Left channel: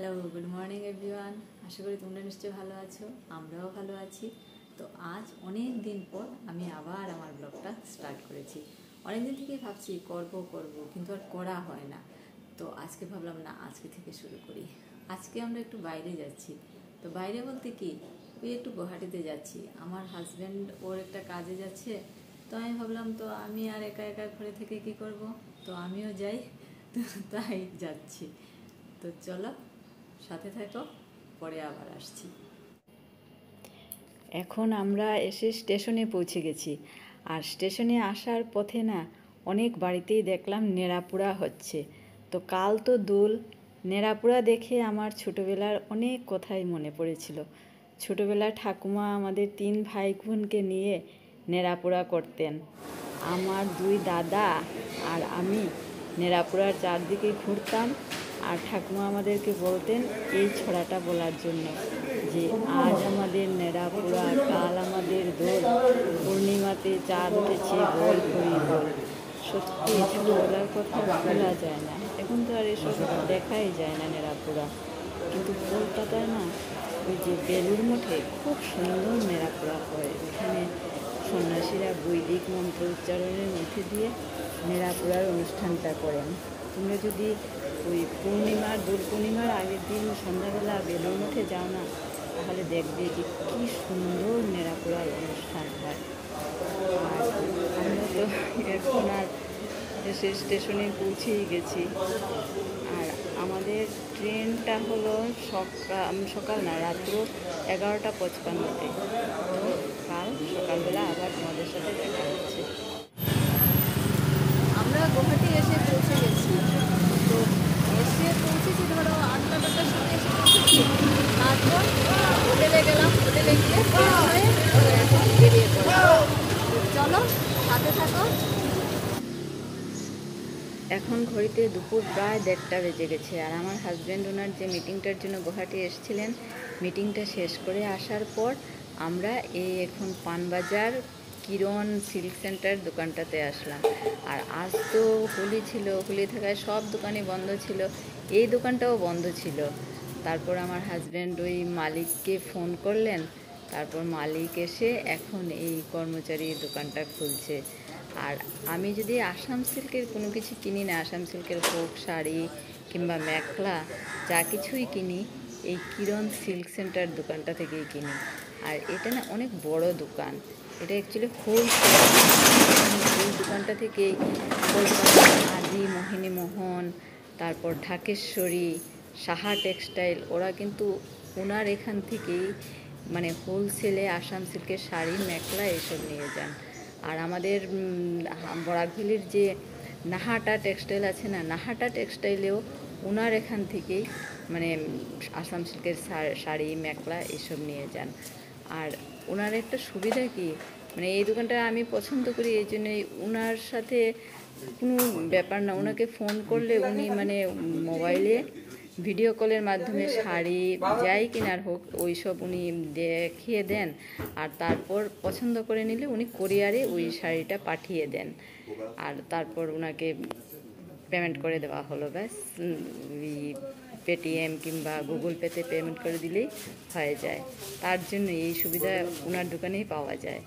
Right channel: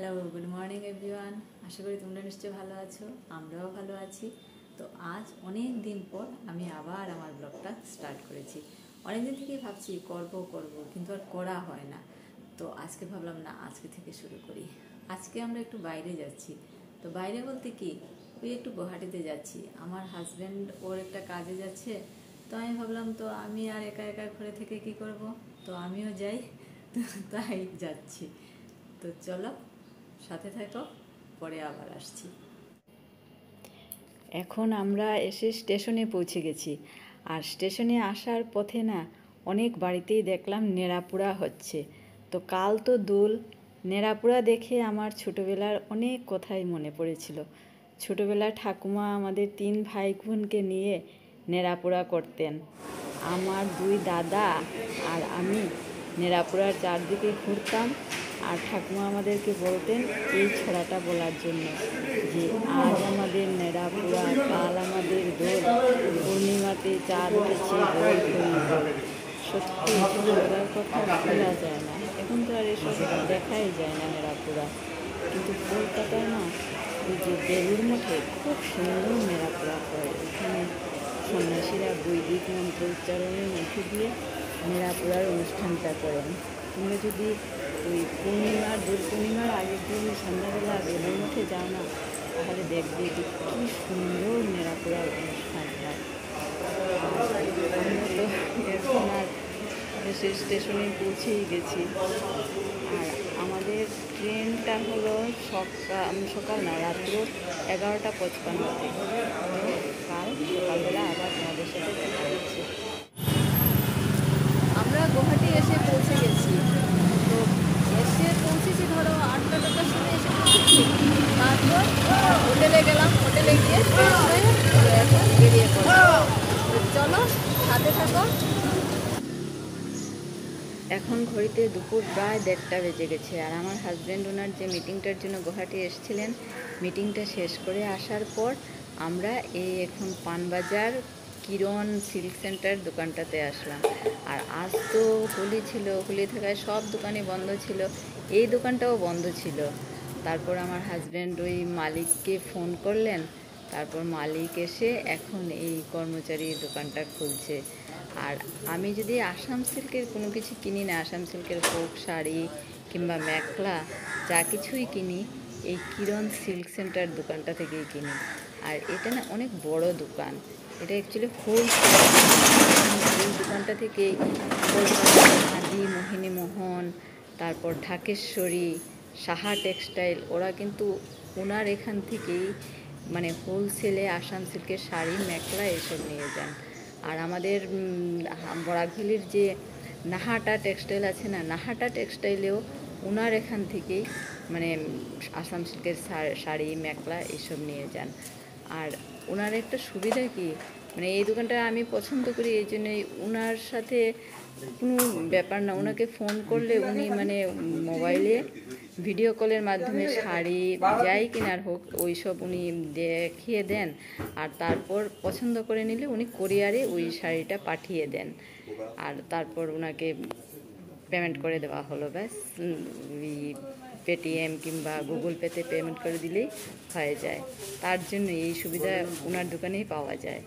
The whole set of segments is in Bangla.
Hello, good morning everyone. আশা করি তোমরা নিশ্চয়ই ভালো আছো, আমরাও ভালো আছি। তো আজ অনেক দিন পর আমি আবার আমার ব্লগটা স্টার্ট করেছি। অনেক দিন থেকেই ভাবছি করব কিন্তু আর করা হয় না। তো আজকে ভাবলাম না, আজকে থেকে শুরু করি। আজকে আমরা একটু বাইরে যাচ্ছি। তো বাইরে বলতে কি, ওই একটু গুয়াহাটিতে যাচ্ছি। আমার হাজব্যান্ড ওর একটা কাজে যাচ্ছে। তো আমি ভাবলাম, তো আমি আর একা একা ঘরে থেকে কি করব, তো আমিও যাই। তো তাই যাচ্ছি। তো চলো, সাথে থাকো, পরে আবার আসছি। এখন আমরা এসে স্টেশনে পৌঁছে গেছি। আর স্টেশনে আসার পথে না অনেক বাড়িতেই দেখলাম নেড়াপোড়া হচ্ছে। তো কাল তো দোল, নেড়াপোড়া দেখে আমার ছোটোবেলার অনেক কথাই মনে পড়েছিল। ছোটোবেলায় ঠাকুমা আমাদের 3 ভাই বোনকে নিয়ে নেড়াপোড়া করতেন। আমার 2 দাদা আর আমি নেড়াপোড়ার চারদিকে ঘুরতাম। আর ঠাকুমা আমাদেরকে বলতেন এই ছড়াটা বলার জন্য, যে আজ আমাদের নেড়াপোড়া, কাল আমাদের দোল, পূর্ণিমাতে চাঁদ উঠেছে বল হরি বল। সত্যি ছোটোবেলার কথা ভোলা যায় না। এখন তো আর এসব দেখাই যায় না নেড়াপোড়া। কিন্তু কলকাতায় না, ওই যে বেলুড় মঠে খুব সুন্দর নেড়াপোড়া হয়। ওখানে সন্ন্যাসীরা বৈদিক মন্ত্র উচ্চারণের মধ্যে দিয়ে নেড়াপোড়ার অনুষ্ঠানটা করেন। তোমরা যদি ওই দোল পূর্ণিমার আগের দিন সন্ধ্যাবেলা বেলুড় মঠে যাও না, তাহলে দেখবে যে কী সুন্দর নেড়াপোড়ার অনুষ্ঠান হয়। আর আমরা তো এখন আর এসে স্টেশনে পৌঁছেই গেছি। আর আমাদের ট্রেনটা হলো সকাল না, রাত্র 11:55-তে। তো কাল সকালবেলা আবার তোমাদের সাথে দেখা হচ্ছে। আমরা গুয়াহাটি এসে পৌঁছে গেছি। তো এসে পৌঁছেছি ধরো 8টার সময় এসে পৌঁছেছি। তারপর হোটেলে গেলাম, হোটেলে গিয়ে ফ্রেশ হয়ে এখন বেরিয়ে পড়লাম। চলো, সাথে থাকো। এখন ঘড়িতে দুপুর প্রায় 1:30 বেজে গেছে। আর আমার হাজব্যান্ড ওনার যে মিটিংটার জন্য গুয়াহাটি এসেছিলেন, মিটিংটা শেষ করে আসার পর আমরা এই এখন পানবাজার কিরণ সিল্ক সেন্টার দোকানটাতে আসলাম। আর আজ তো হোলি ছিল, হোলি থাকায় সব দোকানই বন্ধ ছিল, এই দোকানটাও বন্ধ ছিল। তারপর আমার হাজব্যান্ড ওই মালিককে ফোন করলেন। তারপর মালিক এসে এখন এই কর্মচারী দোকানটা খুলছে। আর আমি যদি আসাম সিল্কের কোনো কিছু কিনি না, আসাম সিল্কের হোক শাড়ি কিংবা মেখলা, যা কিছুই কিনি এই কিরণ সিল্ক সেন্টার দোকানটা থেকেই কিনি। আর এটা না অনেক বড় দোকান, এটা অ্যাকচুয়ালি হোলসেল। এই দোকানটা থেকেই কলকাতা, আদি, মোহিনীমোহন, তারপর ঢাকেশ্বরী, সাহা টেক্সটাইল, ওরা কিন্তু ওনার এখান থেকেই মানে হোলসেলে আসাম সিল্কের শাড়ি, মেখলা এসব নিয়ে যান। আর আমাদের বরাকভ্যালির যে নাহাটা টেক্সটাইল আছে না, নাহাটা টেক্সটাইলেও ওনার এখান থেকেই মানে আসাম সিল্কের শাড়ি, মেখলা এসব নিয়ে যান। আর ওনার একটা সুবিধা কি, মানে এই দোকানটা আমি পছন্দ করি এই জন্যই, ওনার সাথে কোনো ব্যাপার না, ওনাকে ফোন করলে উনি মানে মোবাইলে ভিডিও কলের মাধ্যমে শাড়ি যাই কেনার হোক ওই সব উনি দেখিয়ে দেন। আর তারপর পছন্দ করে নিলে উনি কোরিয়ারে ওই শাড়িটা পাঠিয়ে দেন। আর তারপর ওনাকে পেমেন্ট করে দেওয়া হলো, ব্যাস পেটিএম কিংবা গুগল পেতে পেমেন্ট করে দিলেই হয়ে যায়। তার জন্য এই সুবিধা ওনার দোকানেই পাওয়া যায়।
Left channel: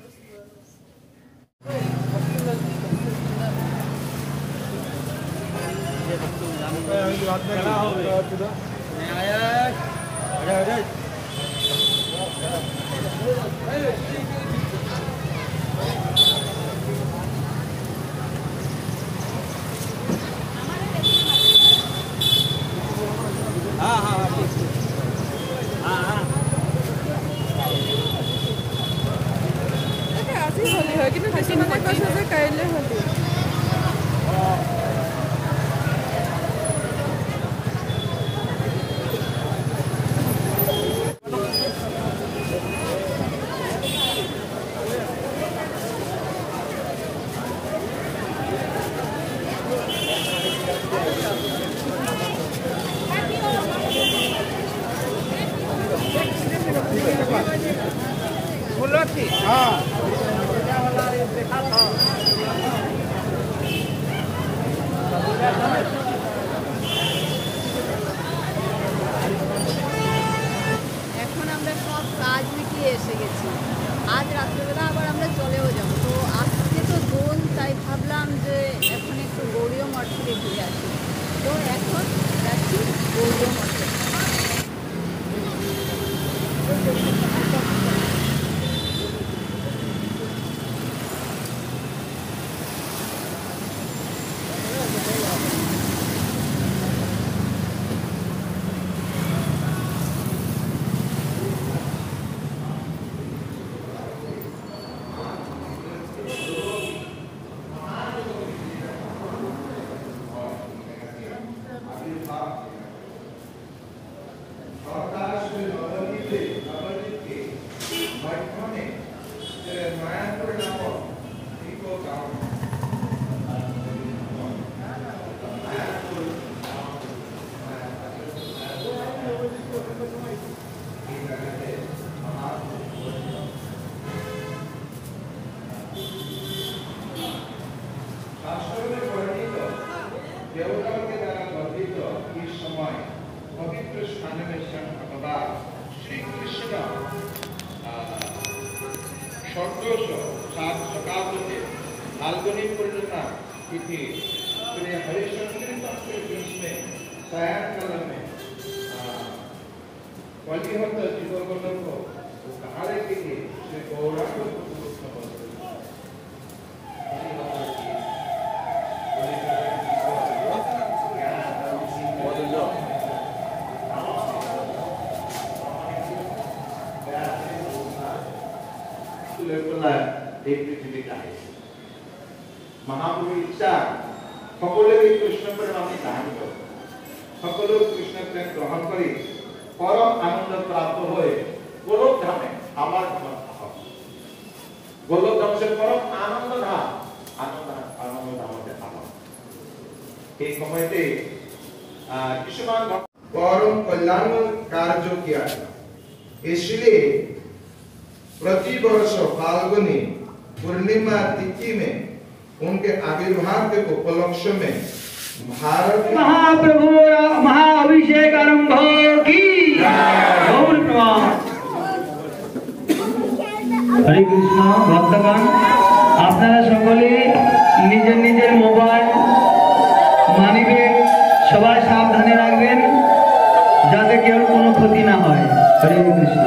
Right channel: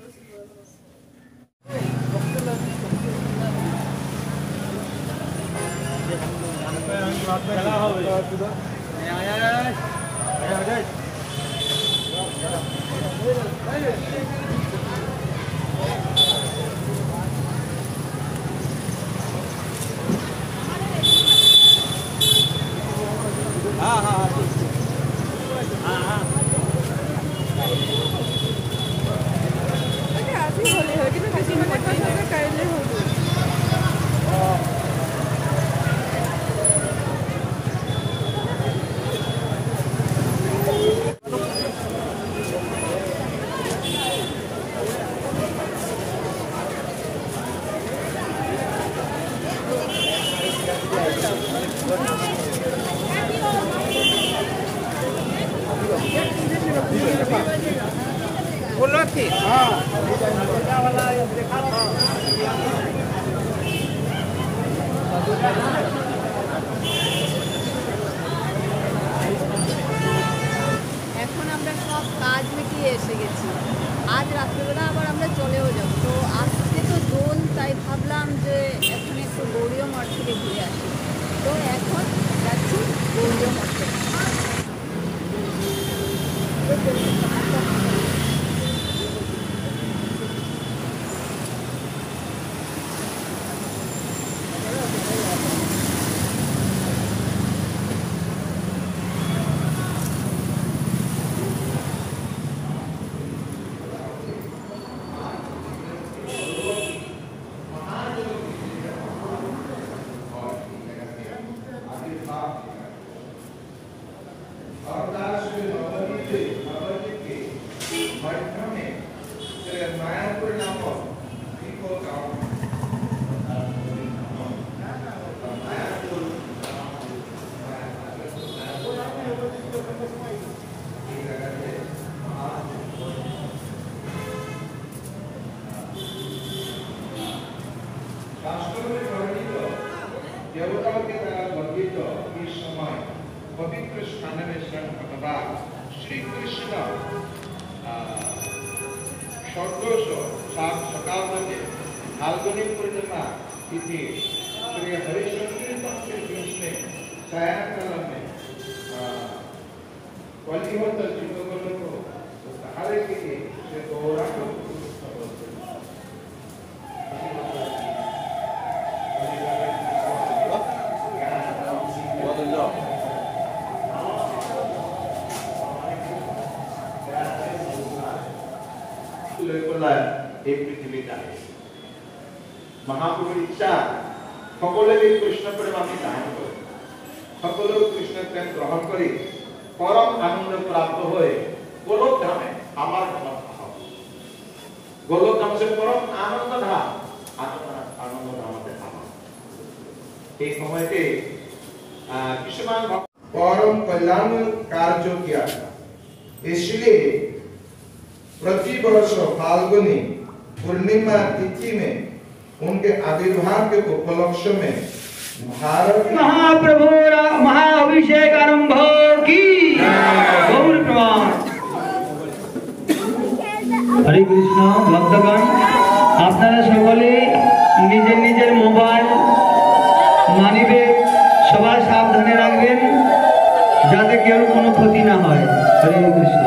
কাজ মিটিয়ে এসে গেছি। আজ রাত্রেবেলা আবার আমরা চলেও যাব। তো আজকে তো দোল, তাই ভাবলাম যে এখন একটু গৌরীয় মঠ থেকে ঘুরে আসি। তো এখন যাচ্ছি গৌরীয় মঠে। देवताओं के द्वारा वर्णित इस समय पवित्र स्नान में भगवान श्री कृष्ण षोडश शताब्दी फाल्गुनी पूर्णिमा तिथि श्री हरिशंकरी पक्ष में सायंकाल में वल्लीवंत जीवों को उद्धार के लिए श्री गौरांग महाप्रभु इच्छा सकले कृष्ण प्रेम आम दान कर सकल कृष्ण प्रेम ग्रहण कर परम आनंद प्राप्त हुए गोलोक धामे आमार गोलोक धाम से परम आनंद धाम आनंद धाम से एक समय किसान परम कल्याण कार्य किया इसलिए प्रति वर्ष फाल्गुनी पूर्णिमा तिथि में उनके आविर्भाव के उपलक्ष्य में भारत महाप्रभु महाअभिषेक आरंभ की गौर प्रणाम। हरे कृष्ण भक्तगण, আপনারা সকলে নিজের নিজের মোবাইল মানিব্যাগ সবাই সাবধানে রাখবেন যাতে কেউ কোনো ক্ষতি না হয়। হরে কৃষ্ণ।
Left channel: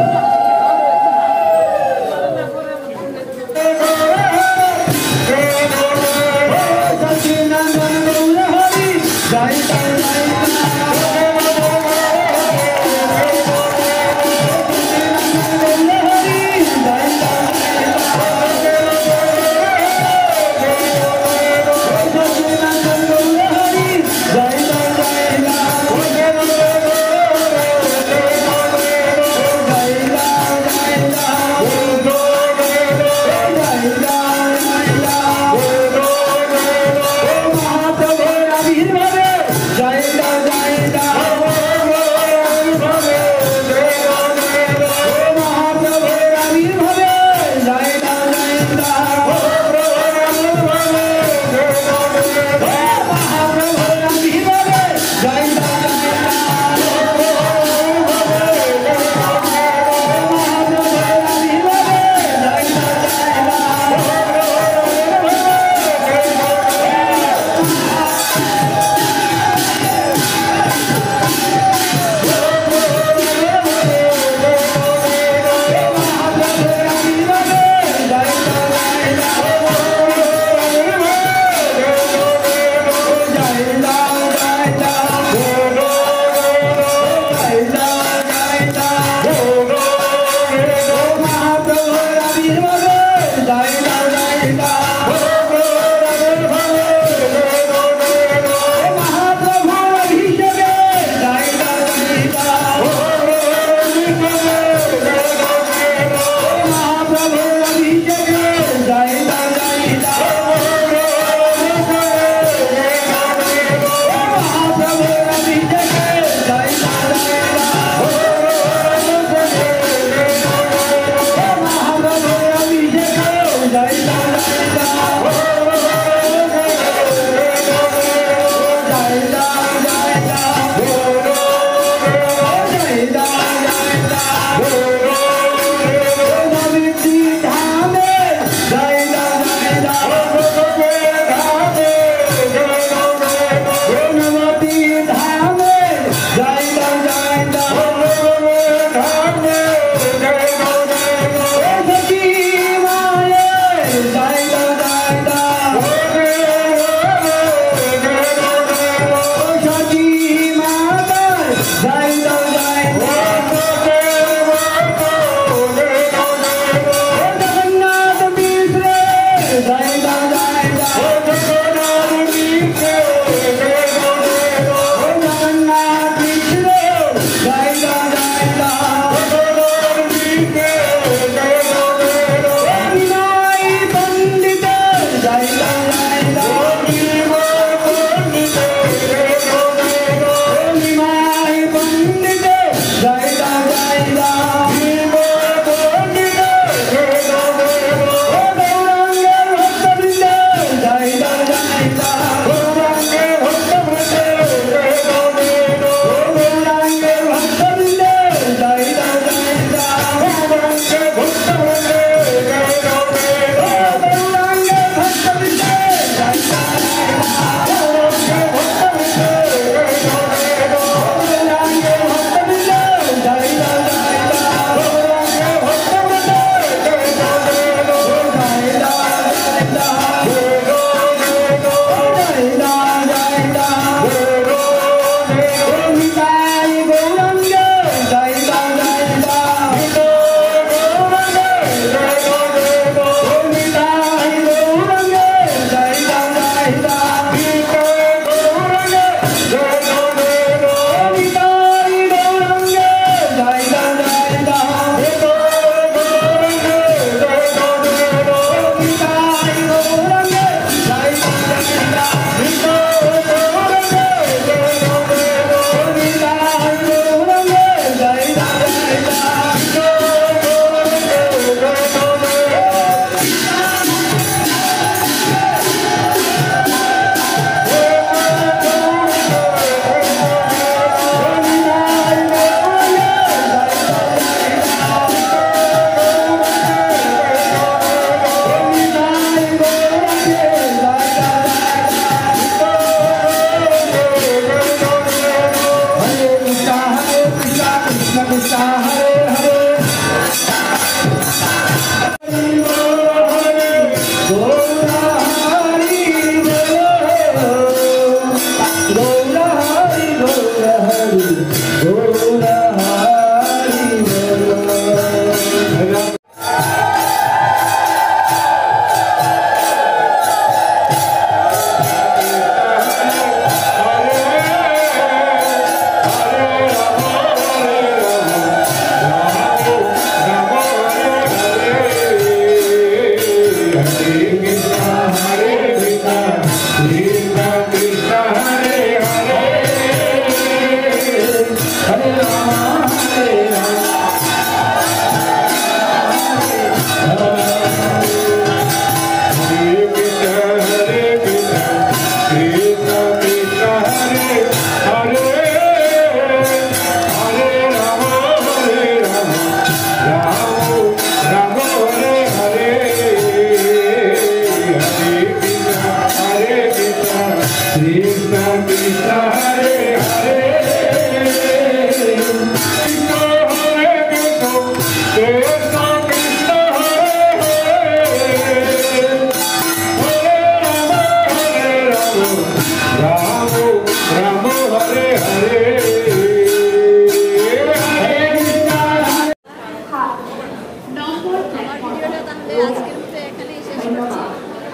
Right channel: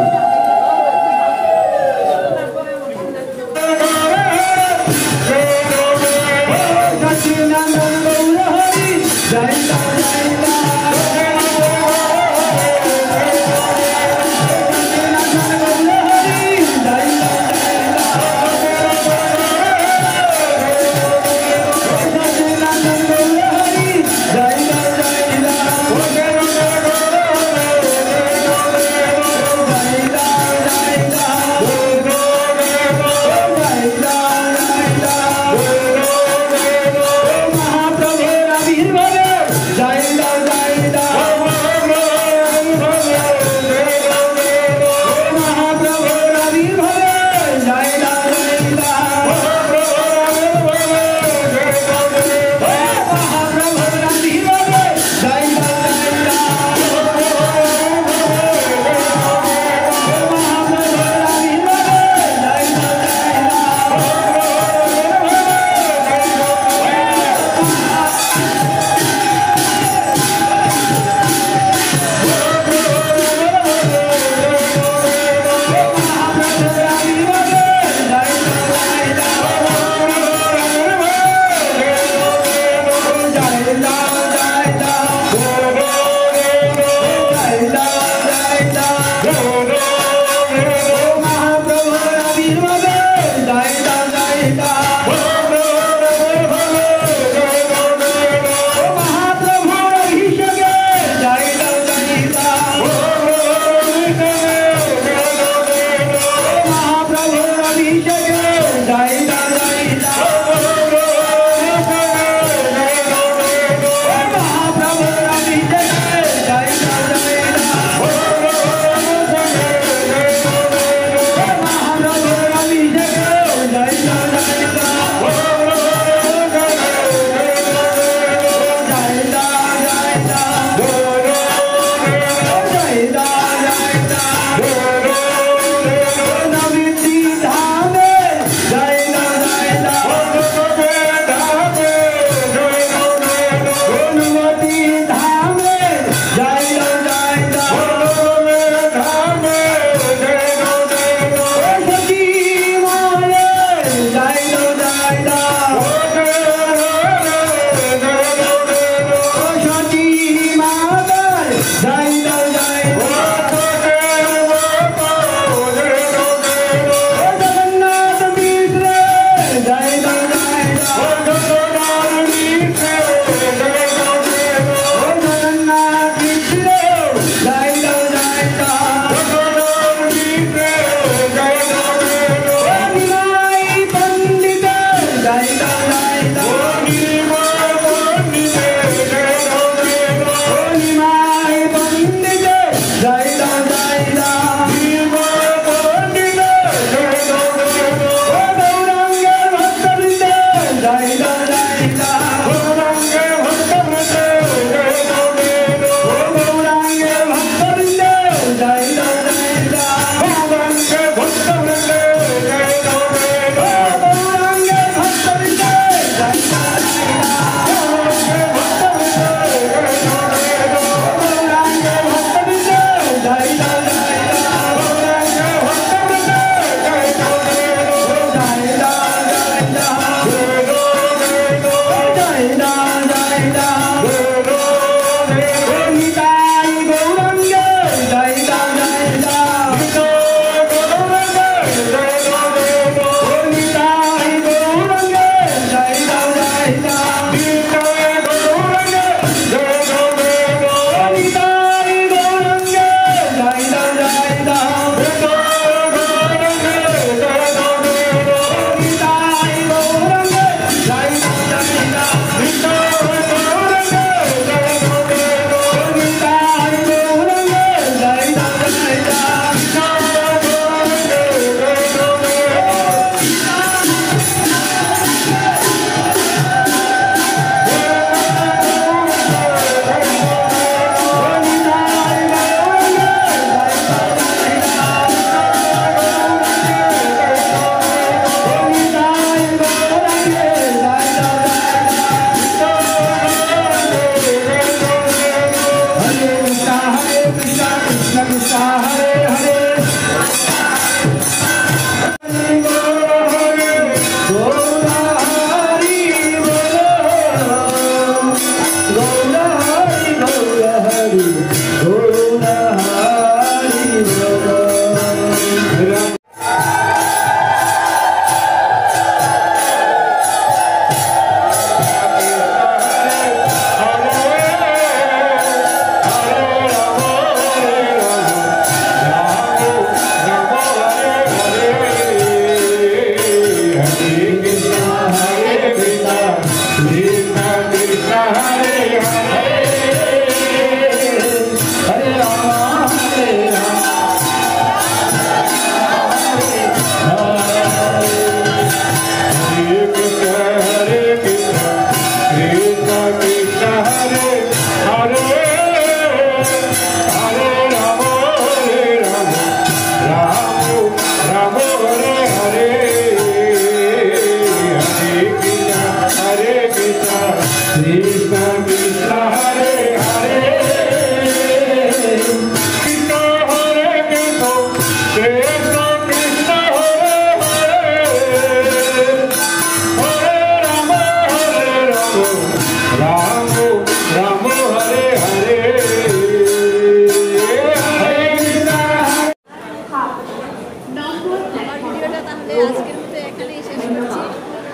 আজকের মতো এখানেই শেষ করছি।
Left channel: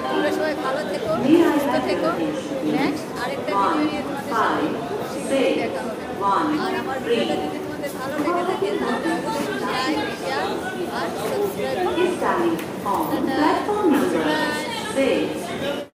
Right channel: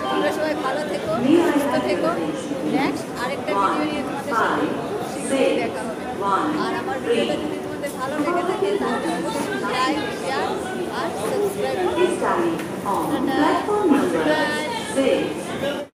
তোমরা সবাই ভালো থেকো, সুস্থ থেকো। নেক্সট আরেকটা ভিডিও নিয়ে তোমাদের সাথে শীঘ্রই দেখা হবে। আর আমার ভিডিওটা যদি তোমাদের ভালো লেগে থাকে তাহলে অবশ্যই লাইক, শেয়ার আর সাবস্ক্রাইব করো। টাটা।